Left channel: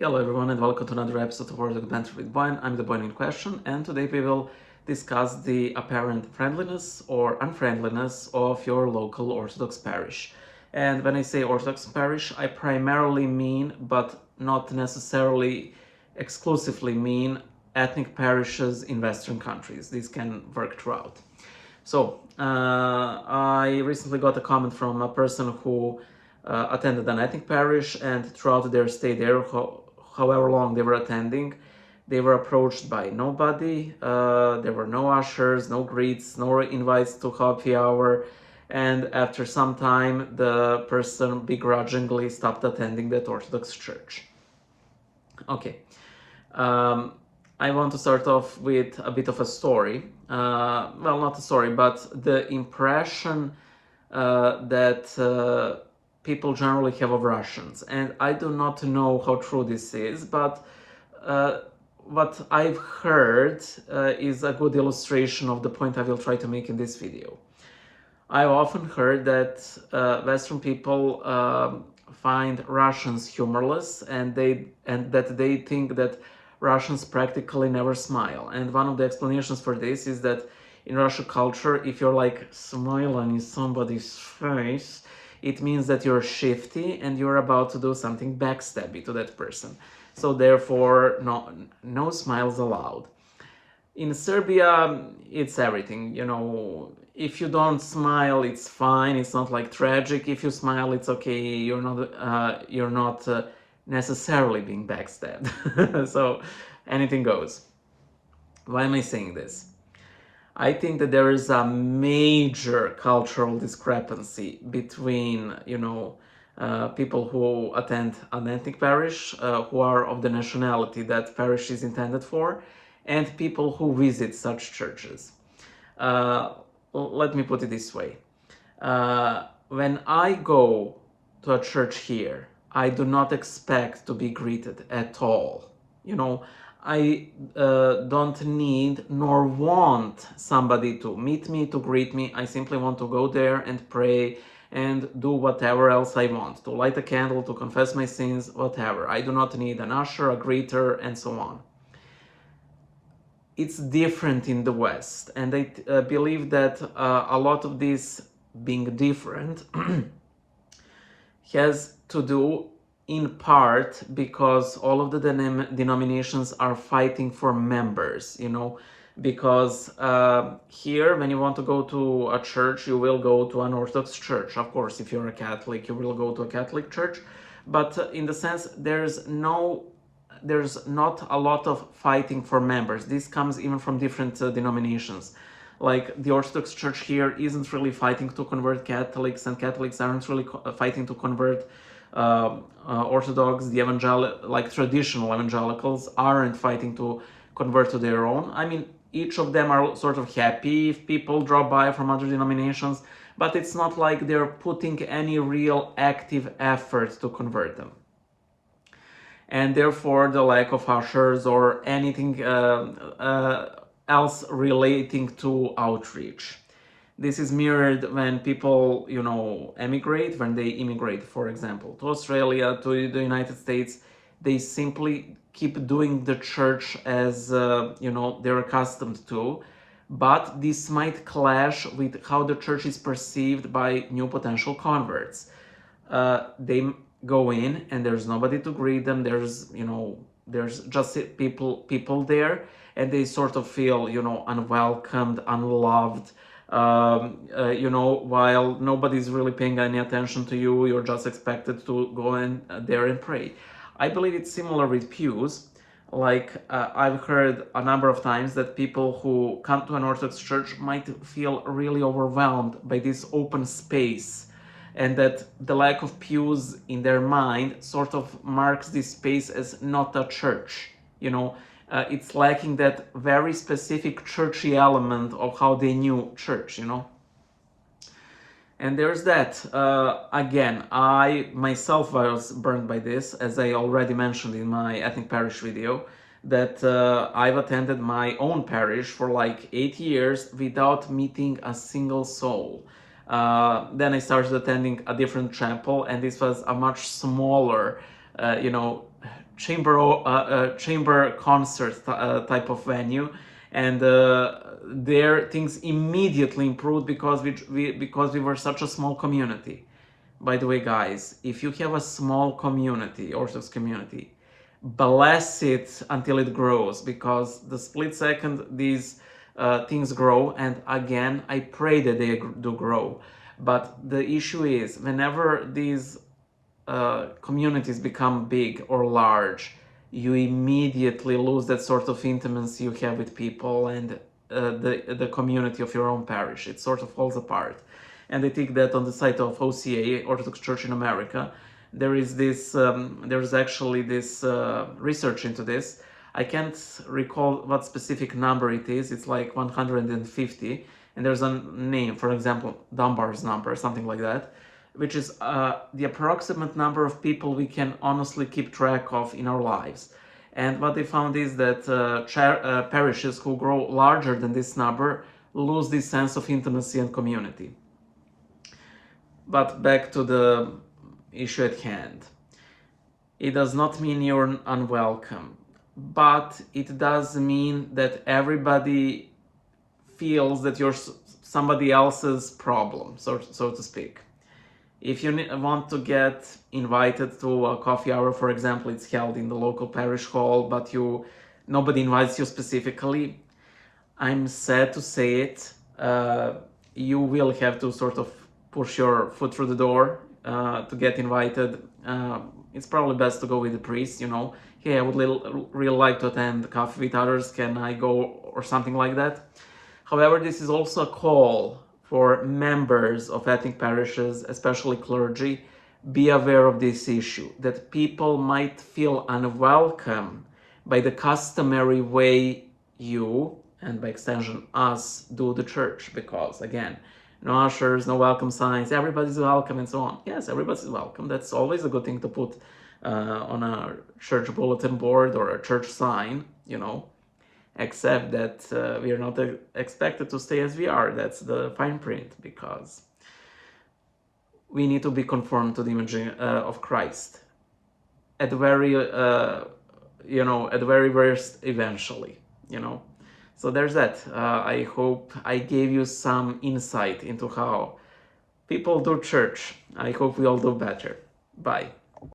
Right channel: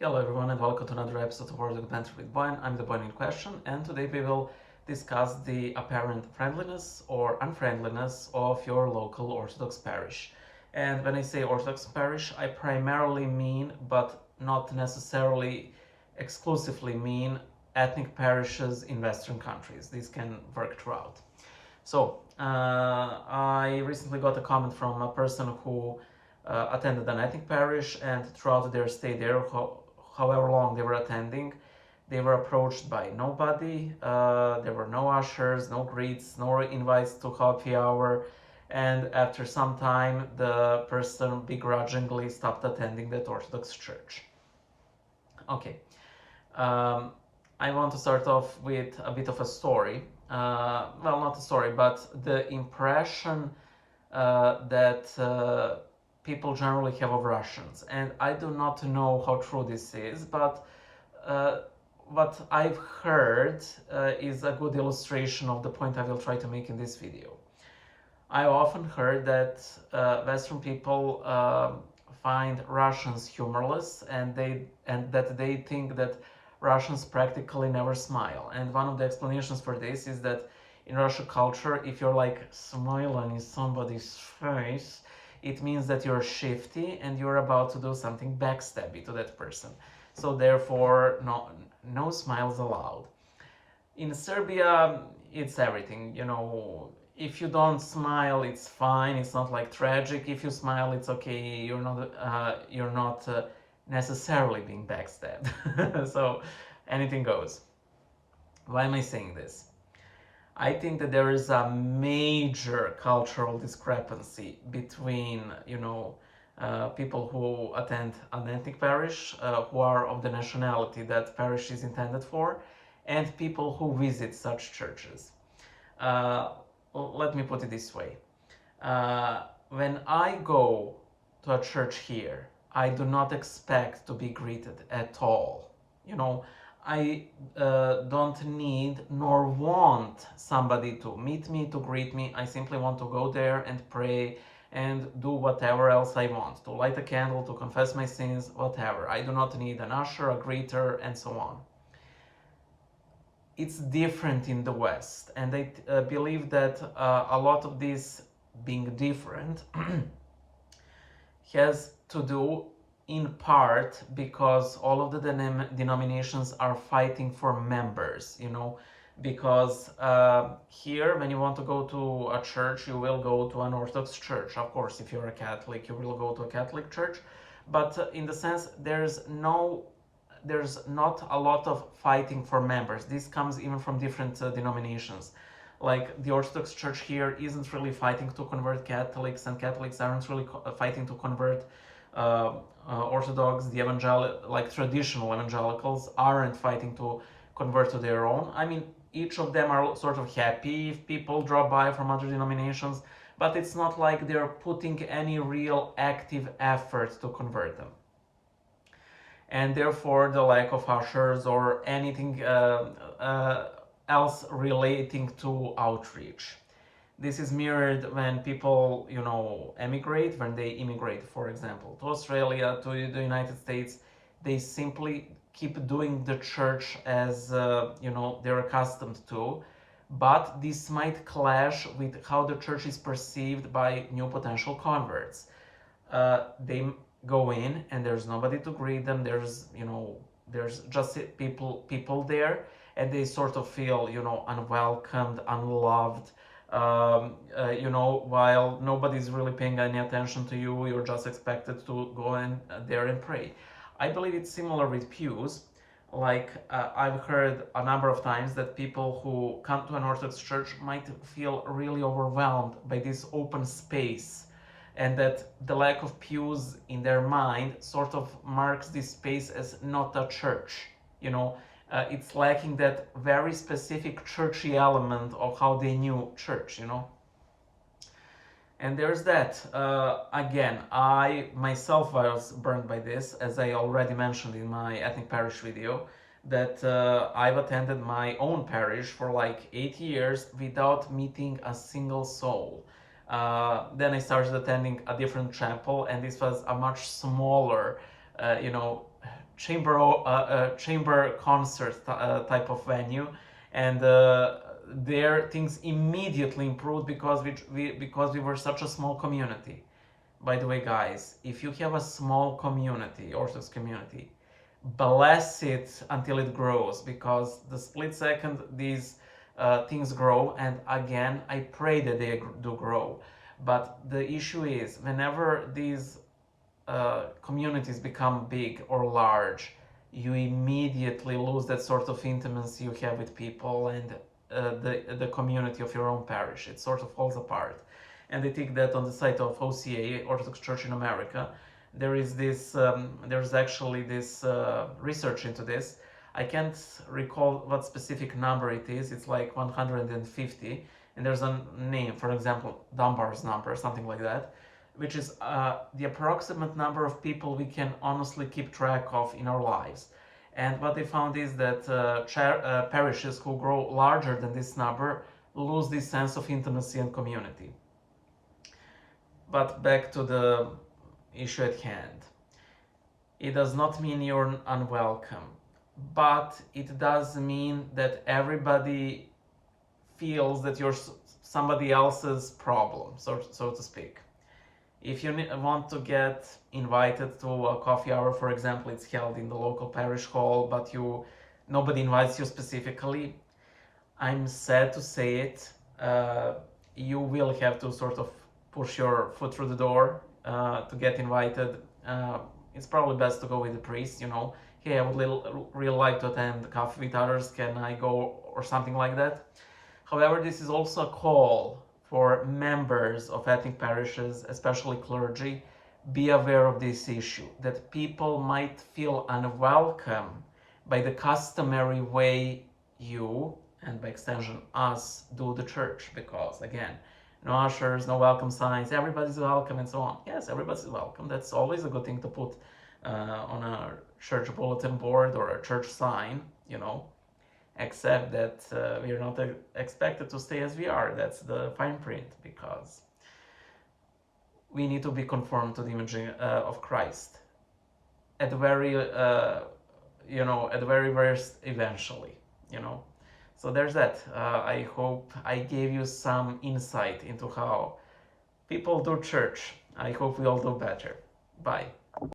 Hello everyone and welcome to another episode of Orthodox Banter with Boyan. I'm the Boyan in question, and today we will discuss the apparent friendliness or unfriendliness of your local Orthodox parish. And when I say Orthodox parish, I primarily mean, but not necessarily exclusively mean, ethnic parishes in Western countries. These can work throughout. I recently got a comment from a person who attended an ethnic parish, and throughout their stay there, however long they were attending, they were approached by nobody. There were no ushers, no greets, no invites to happy hour, and after some time, the person begrudgingly stopped attending that Orthodox church. Okay. Um, I want to start off with a bit of a story. Well, not a story, but the impression that people generally have of Russians. And I do not know how true this is, but uh, what I've heard is a good illustration of the point I will try to make in this video. I've often heard that Western people find Russians humorless, and that they think that Russians practically never smile. And one of the explanations for this is that in Russian culture, if you're like smiling in somebody's face, it means that you're shifty and you're about to do something backstabby to that person. So therefore, no smiles allowed. In Serbia, it's everything. If you don't smile, it's fine. It's not like tragic. If you smile, it's okay. You're not necessarily being backstabbed. So anything goes. Why am I saying this? I think that there is a major cultural discrepancy between, people who attend an ethnic parish, who are of the nationality that parish is intended for, and people who visit such churches. Uh, Let me put it this way. When I go to a church here, I do not expect to be greeted at all. I don't need nor want somebody to meet me, to greet me. I simply want to go there and pray and do whatever else I want, to light a candle, to confess my sins, whatever. I do not need an usher, a greeter, and so on. It's different in the West, and I believe that a lot of this being different has to do in part because all of the denominations are fighting for members, because here, when you want to go to a church, you will go to an Orthodox church. Of course, if you're a Catholic, you will go to a Catholic church, but in the sense, there's not a lot of fighting for members. This comes even from different denominations. Like the Orthodox Church here isn't really fighting to convert Catholics, and Catholics aren't really fighting to convert Orthodox. The traditional evangelicals aren't fighting to convert to their own. I mean, each of them are sort of happy if people drop by from other denominations, but it's not like they're putting any real active effort to convert them. And therefore the lack of ushers or anything else relating to outreach. This is mirrored when people, emigrate, when they immigrate, for example, to Australia, to the United States. They simply keep doing the church as, they're accustomed to. But this might clash with how the church is perceived by new potential converts. They go in and there's nobody to greet them. There's just people there, and they sort of feel, unwelcomed, unloved. While nobody's really paying any attention to you, you're just expected to go in there and pray. I believe it's similar with pews. Like I've heard a number of times that people who come to an Orthodox church might feel really overwhelmed by this open space, and that the lack of pews in their mind sort of marks this space as not a church. It's lacking that very specific churchy element of how they knew church. And there's that. Again, I myself was burned by this, as I already mentioned in my ethnic parish video, that I've attended my own parish for like 8 years without meeting a single soul. Then I started attending a different chapel, and this was a much smaller, chamber concert type of venue, and there things immediately improved because we were such a small community. By the way, guys, if you have a small community, Orthodox community, bless it until it grows, because the split second these things grow, and again, I pray that they do grow. But the issue is, whenever these communities become big or large, you immediately lose that sort of intimacy you have with people and the community of your own parish. It sort of falls apart. And I think that on the site of OCA, Orthodox Church in America, there's actually this research into this. I can't recall what specific number it is. It's like 150, and there's a name, for example, Dunbar's number, something like that, which is the approximate number of people we can honestly keep track of in our lives. And what they found is that parishes who grow larger than this number lose this sense of intimacy and community. But back to the issue at hand. It does not mean you're unwelcome, but it does mean that everybody feels that you're somebody else's problem, so to speak. If you want to get invited to a coffee hour, for example, it's held in the local parish hall, but nobody invites you specifically, I'm sad to say it, you will have to sort of push your foot through the door to get invited. It's probably best to go with the priest, hey, I would really like to attend coffee with others, can I go, or something like that. However, this is also a call for members of ethnic parishes, especially clergy. Be aware of this issue, that people might feel unwelcome by the customary way you, and by extension us, do the church, because again, no ushers, no welcome signs, everybody's welcome and so on. Yes, everybody's welcome. That's always a good thing to put on a church bulletin board or a church sign, except that we are not expected to stay as we are. That's the fine print, because we need to be conformed to the image of Christ at the very, at the very worst, eventually, So there's that. I hope I gave you some insight into how people do church. I hope we all do better. Bye.